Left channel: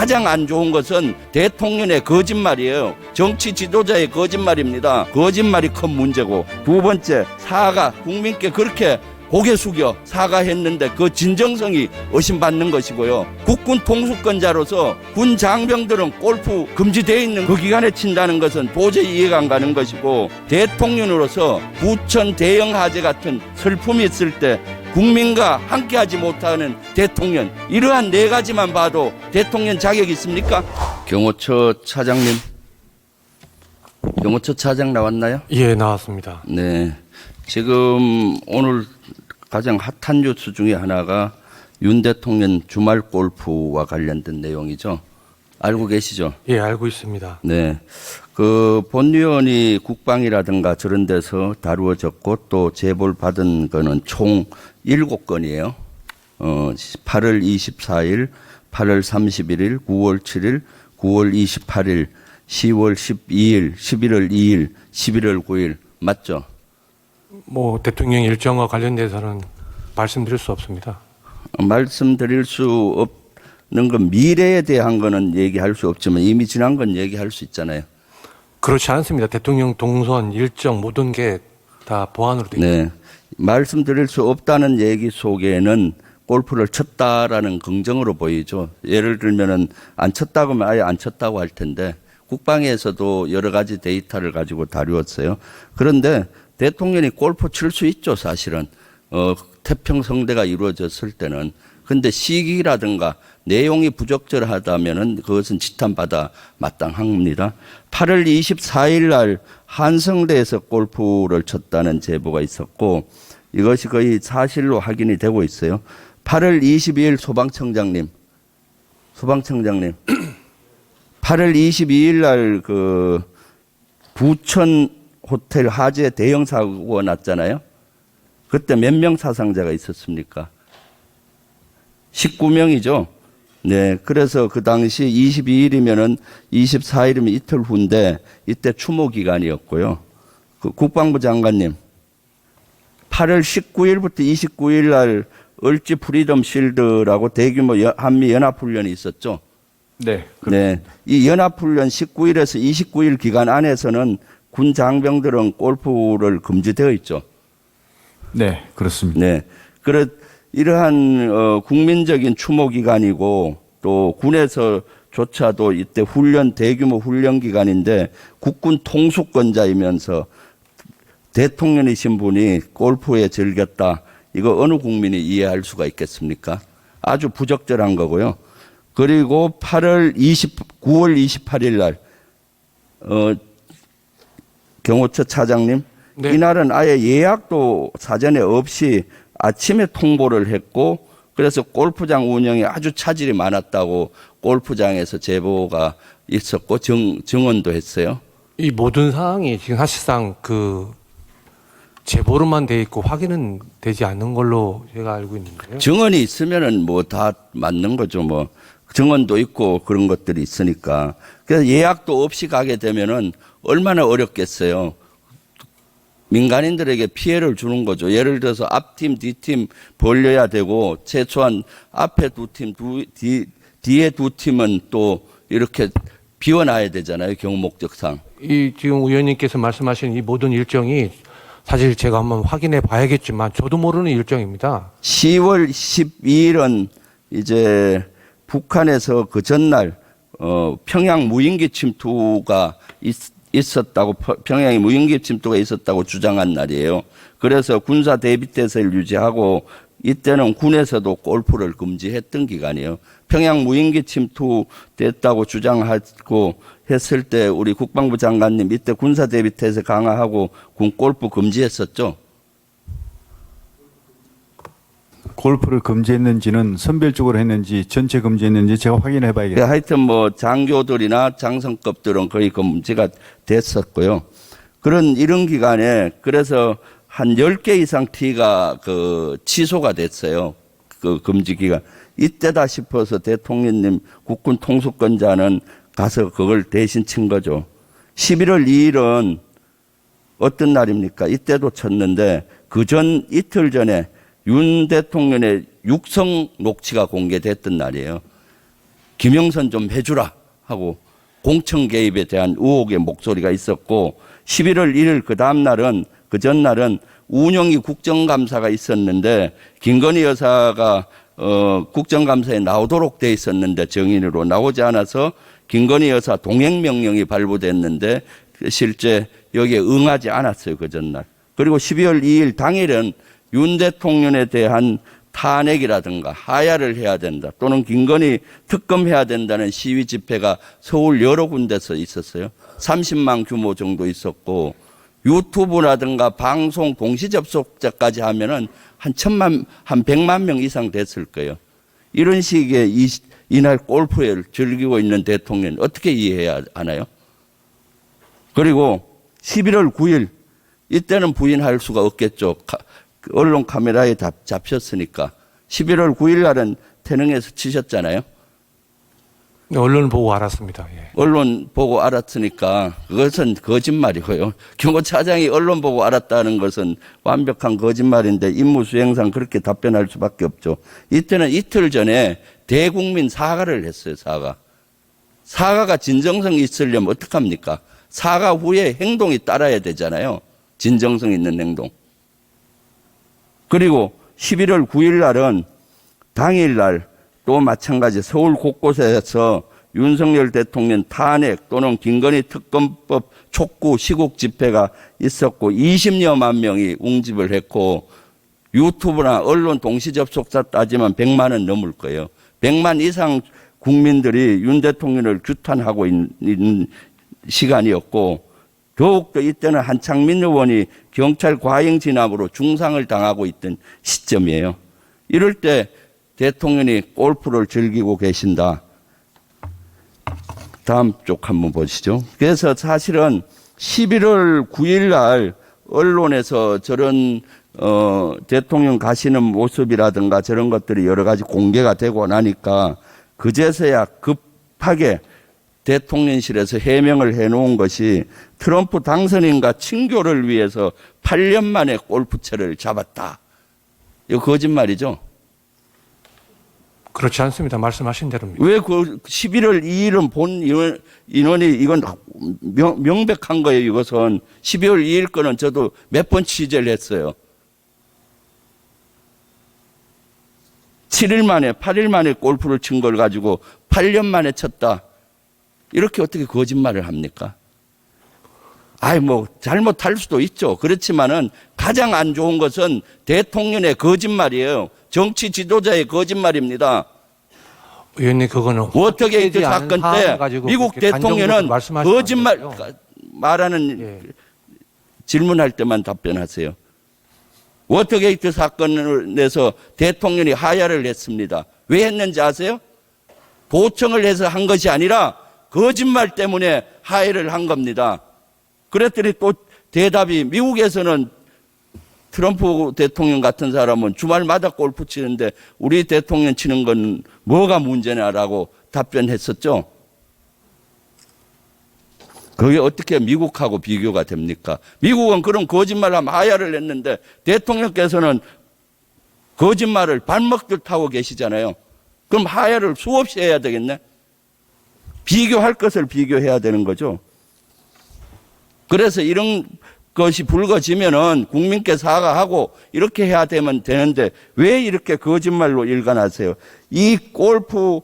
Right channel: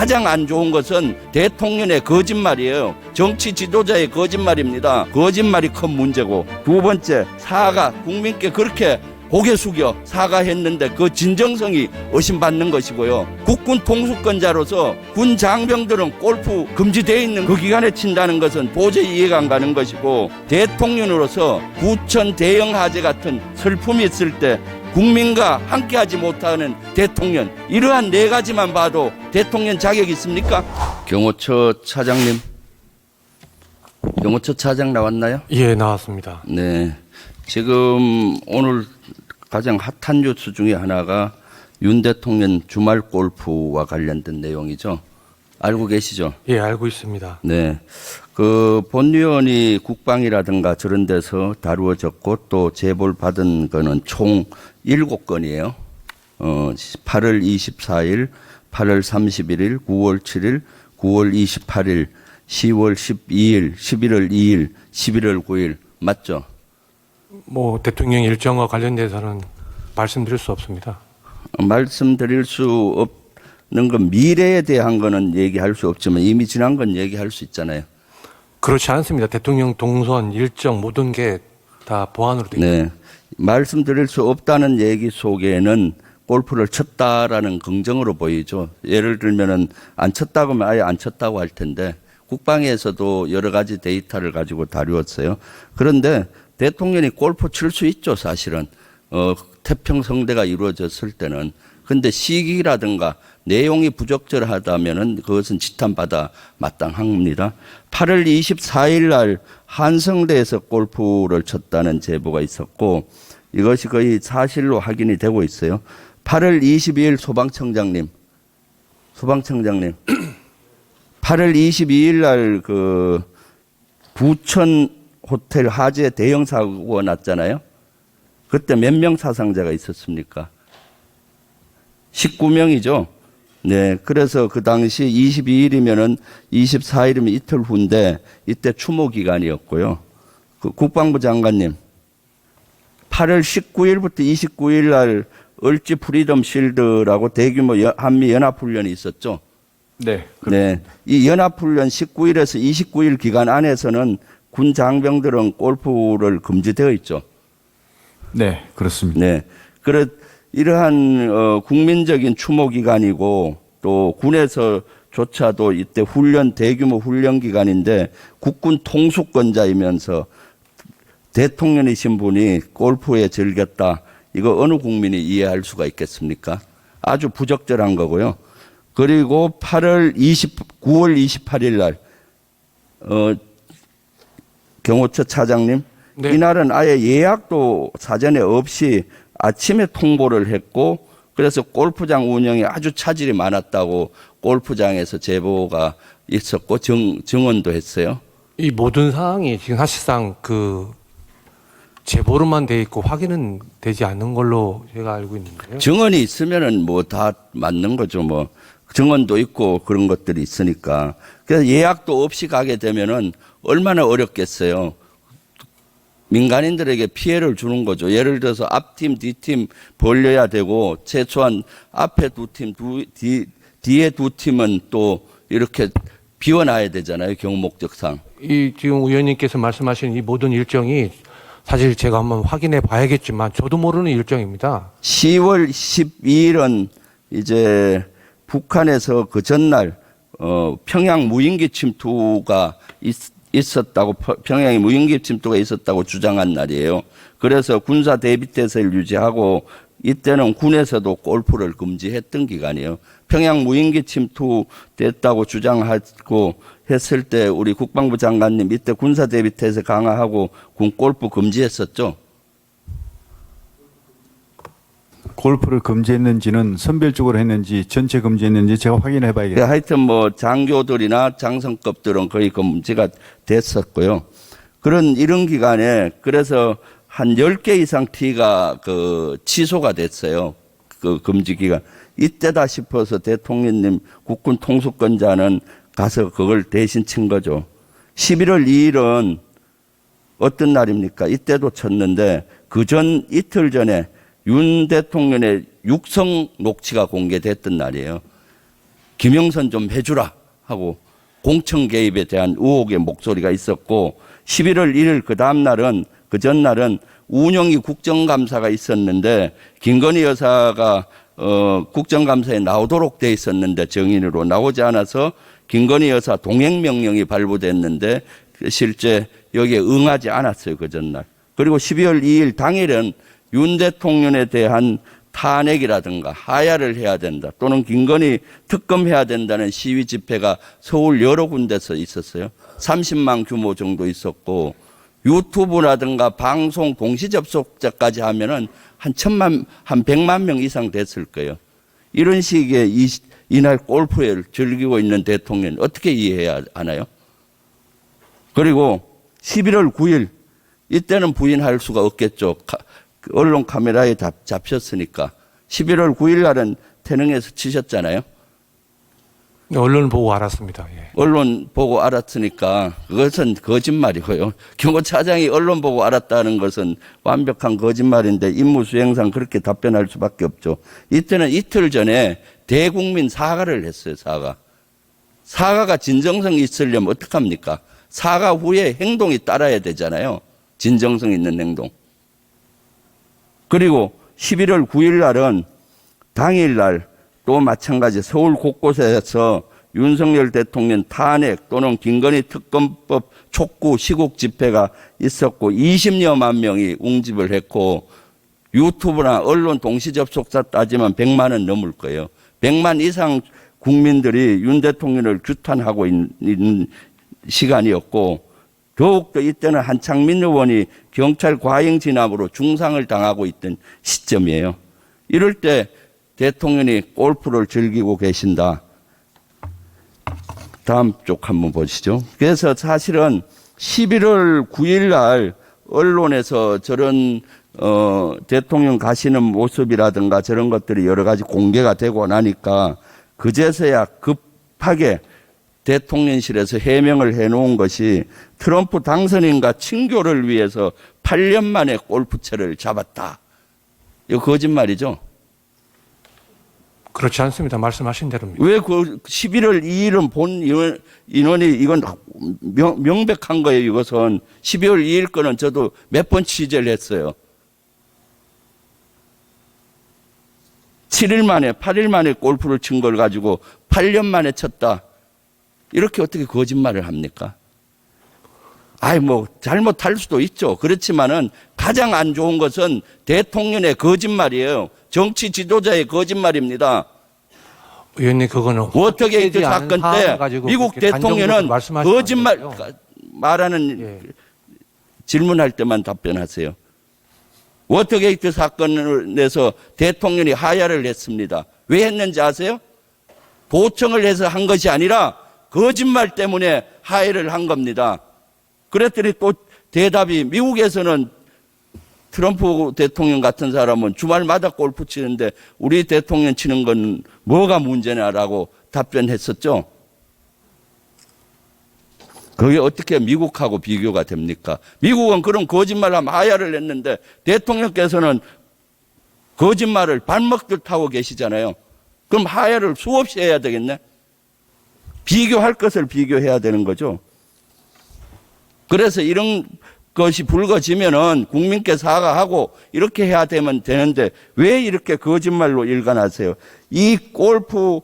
가장 안 좋은 것은 대통령의 거짓말이에요. 정치 지도자의 거짓말입니다. 거짓말이 큰 문제고, 두 번째, 사과, 국민께 그렇게 고개 숙여 사과했는데 그 진정성이 의심받는 것이고요. 국군 통수권자로서 군 장병들은 골프 금지되어 있는 그 기간에 친다는 것은 도저히 이해가 안 가는 것이고, 대통령으로서 부천 대형 화재 같은 슬픔이 있을 때 국민과 함께하지 못하는 대통령, 이러한 네 가지만 봐도 대통령 자격이 있습니까? 경호처 차장님, 경호처 차장 나왔나요? 예, 나왔습니다. 네. 지금 오늘 가장 핫한 뉴스 중에 하나가 윤 대통령 주말 골프와 관련된 내용이죠. 알고 계시죠? 예, 알고 있습니다. 네. 그 본위원이 국방이라든가 저런 데서 다루어졌고 또 제보를 받은 거는 총 7건이에요. 8월 24일, 8월 31일, 9월 7일, 9월 28일, 10월 12일, 11월 2일, 11월 9일. 맞죠? 뭐 대통령 일정과 관련돼서는 말씀드릴 수 없습니다. 말씀드릴 수 없는 건 미래에 대한 거는 얘기할 수 없지만 이미 지난 건 얘기할 수 있잖아요. 그렇지 않습니다. 대통령 동선, 일정 모든 게 다 보안으로 되어 있습니다. 네. 말씀드릴 수 없다는 얘기 속에는 골프를 쳤다라는 긍정으로 보이죠. 예를 들면은 안 쳤다고 하면 아예 안 쳤다고 할 텐데 국방에서도 여러 가지 데이터를 가지고 다루었어요. 그런데 대통령이 골프 칠 수 있죠, 사실은. 태평성대가 이루어졌을 때는. 근데 시기라든가 내용이 부적절하다면은 그것은 지탄받아 마땅합니다. 8월 24일 날 한성대에서 골프를 쳤다는 제보가 있었고 이것이 거의 사실로 확인이 되고 있어요. 8월 22일 소방청장님. 8월 22일 날 그 부천 호텔 화재 대형 사고가 났잖아요. 그때 몇 명 사상자가 있었습니까? 19명이죠. 네. 그래서 그 당시 22일이면은 24일이면 이틀 후인데 이때 추모 기간이었고요. 그 국방부 장관님, 8월 19일부터 29일 날 을지 프리덤 실드라고 대규모 한미 연합훈련이 있었죠. 네. 네. 이 연합훈련 19일에서 29일 기간 안에서는 군 장병들은 골프를 금지되어 있죠. 네, 그렇습니다. 네. 이러한 국민적인 추모 기간이고 또 군에서조차도 이때 대규모 훈련 기간인데 국군 통수권자이면서 대통령이신 분이 골프에 즐겼다. 이거 어느 국민이 이해할 수가 있겠습니까? 아주 부적절한 거고요. 그리고 9월 28일 날 경호처 차장님, 네. 이날은 아예 예약도 사전에 없이 아침에 통보를 했고 그래서 골프장 운영에 아주 차질이 많았다고 골프장에서 제보가 있었고 증언도 했어요. 이 모든 사항이 지금 사실상 그 제보로만 돼 있고 확인은 되지 않는 걸로 제가 알고 있는데요. 증언이 있으면은 뭐 다 맞는 거죠. 뭐 증언도 있고 그런 것들이 있으니까. 그래서 예약도 없이 가게 되면은 얼마나 어렵겠어요. 민간인들에게 피해를 주는 거죠. 예를 들어서 앞팀, 뒤팀 벌려야 되고 최소한 앞에 두 팀, 뒤에 두 팀은 또 이렇게 비워놔야 되잖아요. 경목적상. 이 지금 의원님께서 말씀하신 이 모든 일정이 사실 제가 한번 확인해 봐야겠지만 저도 모르는 일정입니다. 10월 12일은 이제 북한에서 그 전날 평양 무인기 침투가 있었다고, 평양에 무인기 침투가 있었다고 주장한 날이에요. 그래서 군사 대비태세를 유지하고 이때는 군에서도 골프를 금지했던 기간이에요. 평양 무인기 침투됐다고 주장하고 했을 때 우리 국방부 장관님 이때 군사 대비태세 강화하고 군 골프 금지했었죠. 골프를 금지했는지는 선별적으로 했는지 전체 금지했는지 제가 확인해 봐야겠습니다. 하여튼 뭐 장교들이나 장성급들은 거의 금지가 됐었고요. 이런 기간에 그래서 한 10개 이상 티가 취소가 됐어요. 그 금지 기간. 이때다 싶어서 대통령님 국군 통수권자는 가서 그걸 대신 친 거죠. 11월 2일은 어떤 날입니까? 이때도 쳤는데 이틀 전에 윤 대통령의 육성 녹취가 공개됐던 날이에요. 김영선 좀 해주라 하고 공천 개입에 대한 의혹의 목소리가 있었고 11월 1일 그 다음 날은 그 전날은 운영위 국정감사가 있었는데 김건희 여사가 국정감사에 나오도록 돼 있었는데 정인으로 나오지 않아서 김건희 여사 동행명령이 발부됐는데 실제 여기에 응하지 않았어요. 그 전날. 그리고 12월 2일 당일은 윤 대통령에 대한 탄핵이라든가 하야를 해야 된다 또는 김건희 특검해야 된다는 시위 집회가 서울 여러 군데서 있었어요. 30만 규모 정도 있었고 유튜브라든가 방송 동시 접속자까지 하면은 한 100만 명 이상 됐을 거예요. 이런 식의 이날 골프를 즐기고 있는 대통령 어떻게 이해해야 하나요? 그리고 11월 9일 이때는 부인할 수가 없겠죠. 언론 카메라에 잡혔으니까 11월 9일 날은 태릉에서 치셨잖아요. 언론 보고 알았습니다. 예. 언론 보고 알았으니까 그것은 거짓말이고요. 경호차장이 언론 보고 알았다는 것은 완벽한 거짓말인데 임무 수행상 그렇게 답변할 수밖에 없죠. 이때는 이틀 전에 대국민 사과를 했어요. 사과가 진정성이 있으려면 어떡합니까? 사과 후에 행동이 따라야 되잖아요. 진정성 있는 행동. 그리고 11월 9일 날은 당일날 또 마찬가지 서울 곳곳에서 윤석열 대통령 탄핵 또는 김건희 특검법 촉구 시국 집회가 있었고 20여만 명이 웅집을 했고 유튜브나 언론 동시 접속자 따지면 100만은 넘을 거예요. 100만 이상 국민들이 윤 대통령을 규탄하고 있는 시간이었고 더욱더 이때는 한창민 의원이 경찰 과잉 진압으로 중상을 당하고 있던 시점이에요. 이럴 때 대통령이 골프를 즐기고 계신다. 다음 쪽 한번 보시죠. 그래서 사실은 11월 9일 날 언론에서 저런 대통령 가시는 모습이라든가 저런 것들이 여러 가지 공개가 되고 나니까 그제서야 급하게 대통령실에서 해명을 해놓은 것이 트럼프 당선인과 친교를 위해서 8년 만에 골프채를 잡았다. 이거 거짓말이죠. 그렇지 않습니다. 말씀하신 대로입니다. 왜 그 11월 2일은 본 인원이 이건 명백한 거예요. 이것은 12월 2일 거는 저도 몇 번 취재를 했어요. 7일 만에 8일 만에 골프를 친 걸 가지고 8년 만에 쳤다. 이렇게 어떻게 거짓말을 합니까? 잘못할 수도 있죠. 그렇지만은 가장 안 좋은 것은 대통령의 거짓말이에요. 정치 지도자의 거짓말입니다. 의원님, 그거는 어떻게 이 사건 때 미국 대통령은 거짓말 말하는 질문할 때만 답변하세요. 워터게이트 사건을 내서 대통령이 하야를 했습니다. 왜 했는지 아세요? 도청을 해서 한 것이 아니라 거짓말 때문에 하야를 한 겁니다. 그랬더니 또 대답이 미국에서는 트럼프 대통령 같은 사람은 주말마다 골프 치는데 우리 대통령 치는 건 뭐가 문제냐라고 답변했었죠. 그게 어떻게 미국하고 비교가 됩니까? 미국은 그런 거짓말하면 하야를 했는데 대통령께서는 거짓말을 발먹듯 하고 계시잖아요. 그럼 하야를 수없이 해야 되겠네? 비교할 것을 비교해야 되는 거죠. 그래서 이런 것이 불거지면은 국민께 사과하고 이렇게 해야 되는데 왜 이렇게 거짓말로 일관하세요? 이 골프를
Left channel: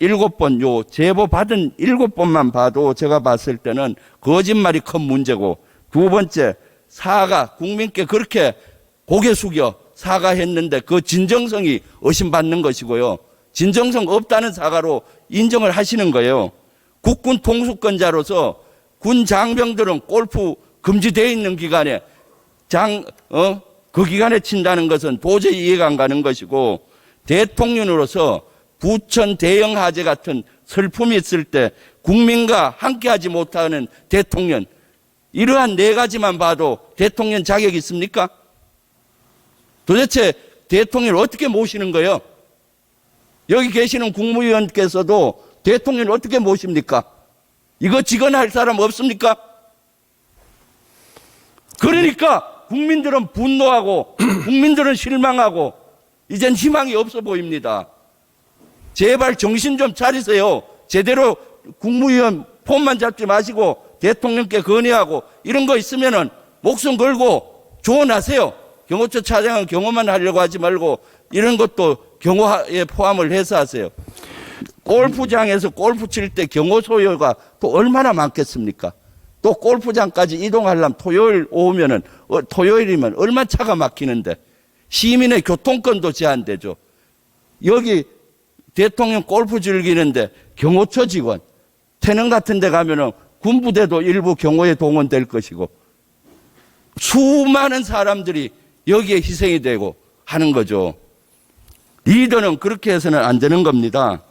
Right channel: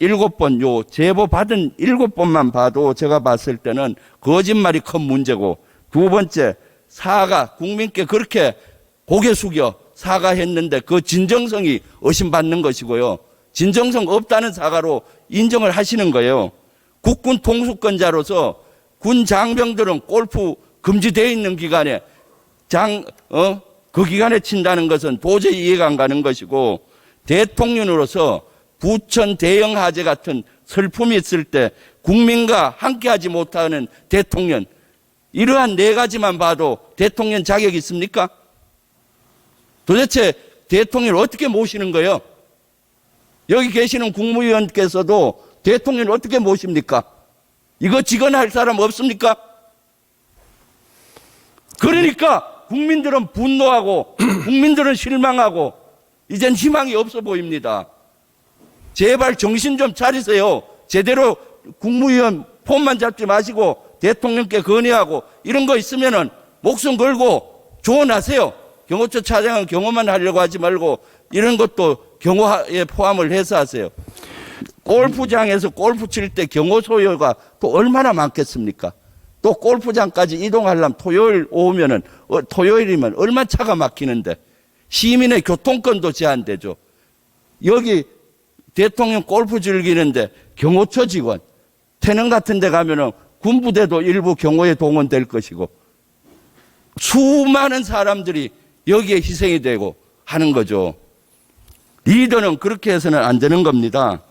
7번, 제보 받은 7번만 봐도 제가 봤을 때는 거짓말이 큰 문제고, 두 번째, 국민께 그렇게 고개 숙여 사과했는데 그 진정성이 의심받는 것이고요. 진정성 없다는 사과로 인정을 하시는 거예요. 국군 통수권자로서 군 장병들은 골프 금지되어 있는 기간에 그 기간에 친다는 것은 도저히 이해가 안 가는 것이고, 대통령으로서 부천 대형 화재 같은 슬픔이 있을 때 국민과 함께하지 못하는 대통령, 이러한 네 가지만 봐도 대통령 자격이 있습니까? 도대체 대통령을 어떻게 모시는 거예요? 여기 계시는 국무위원께서도 대통령을 어떻게 모십니까? 이거 직언할 사람 없습니까? 그러니까 국민들은 분노하고 국민들은 실망하고 이젠 희망이 없어 보입니다. 제발 정신 좀 차리세요. 제대로 국무위원 폰만 잡지 마시고 대통령께 건의하고 이런 거 있으면은 목숨 걸고 조언하세요. 경호처 차장은 경호만 하려고 하지 말고 이런 것도 경호에 포함을 해서 하세요. 골프장에서 골프 칠 때 경호 소요가 또 얼마나 많겠습니까? 또 골프장까지 이동하려면 토요일 오후면은 토요일이면 얼마나 차가 막히는데 시민의 교통권도 제한되죠. 여기 대통령 골프 즐기는데 경호처 직원 태릉 같은 데 가면은 군부대도 일부 경호에 동원될 것이고 수많은 사람들이 여기에 희생이 되고 하는 거죠. 리더는 그렇게 해서는 안 되는 겁니다.